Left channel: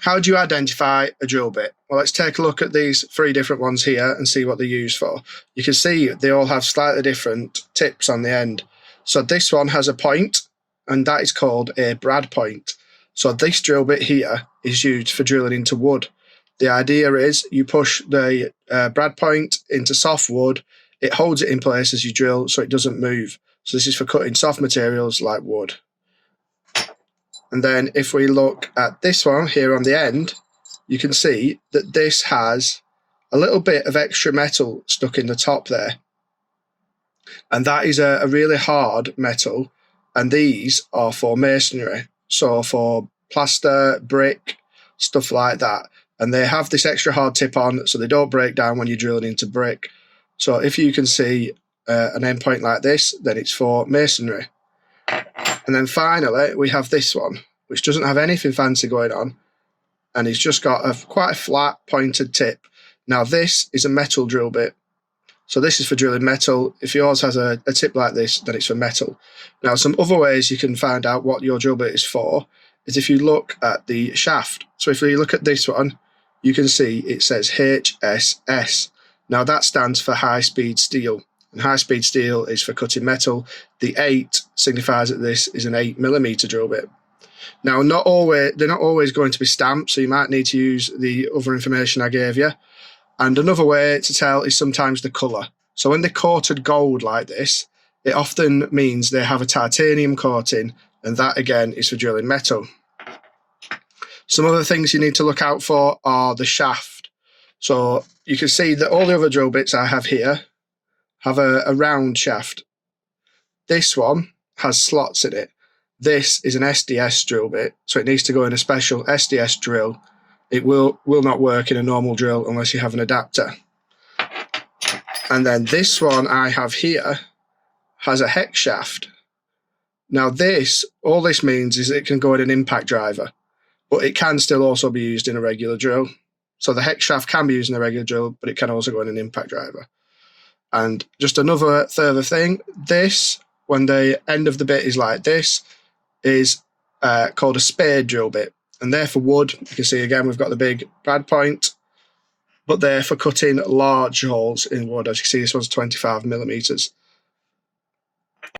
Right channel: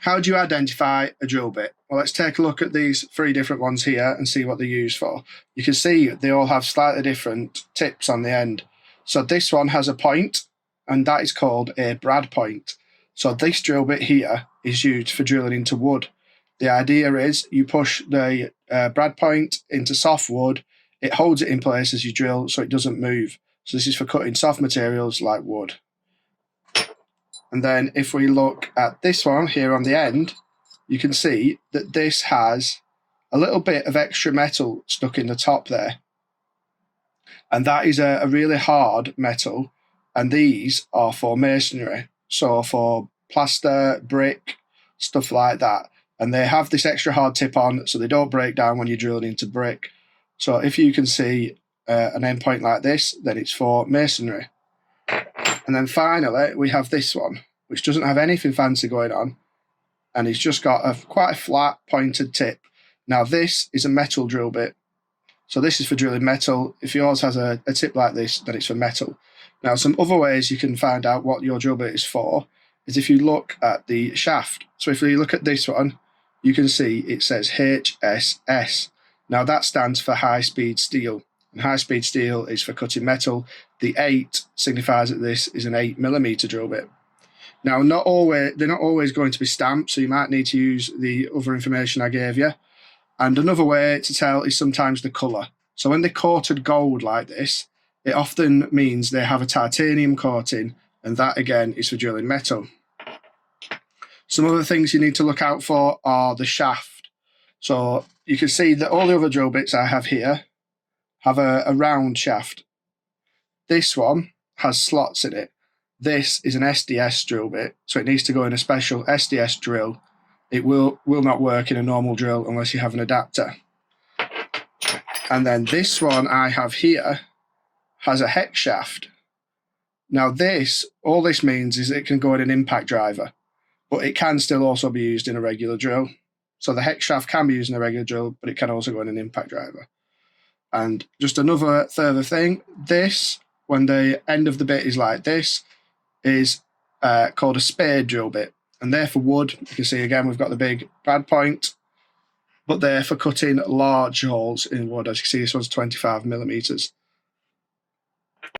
How do you identify a drill bit? Well, let's take a look at these 3 different ones here and see what they're used for. You can see they all have slightly different tips on the end. So this one has a point, and that is called a brad point. So this drill bit here is used for drilling into wood. The idea is you push the brad point into soft wood, it holds it in place as you drill so it doesn't move. So this is for cutting soft materials like wood. And then if we look at this one here on the end, you can see that this has a little bit of extra metal stuck in the top there. And that is a really hard metal, and these are for masonry. So for plaster, brick, stuff like that. And they have this extra hard tip on so they don't break down when you're drilling into brick. So if you can see an end point like this, then it's for masonry. And then finally, we have this one, which doesn't have anything fancy going on, and it's just got quite a flat, pointed tip. Now, this is a metal drill bit. So this is for drilling metal. If yours has a tip like this, then it's for metal. Now, some other ways you can find out what your drill bit is for is if you look at the shaft. So if you look at this one, you can see it says HSS. Now, that stands for high-speed steel. And high-speed steel is for cutting metal. The 8 signifies that this is an 8mm drill bit. Now, they're not always going to be stamped, so you might need to use the other information I gave you. And another way to tell is sometimes the colour. So when they're coated gold like this, it often means they have a titanium coating, and that again is for drilling metal. Some other things you need to look out for are the shaft. So you can see that all the other drill bits I have here have a round shaft. This one has slots in it. This is an SDS drill bit, so it needs to go in a special SDS drill. It will not work in a normal drill unless you have an adapter. And then this one I have here has a hex shaft. Now all this means is it can go in an impact driver, but it can still also be used in a regular drill. So the hex shaft can be used in a regular drill, but it can also go in an impact driver. And just another further thing, this, when the end of the bit is like this, is called a spade drill bit. And they're for wood. You can see again, we've got the big brad point, but they're for cutting large holes in wood. As you can see, this one's 25mm.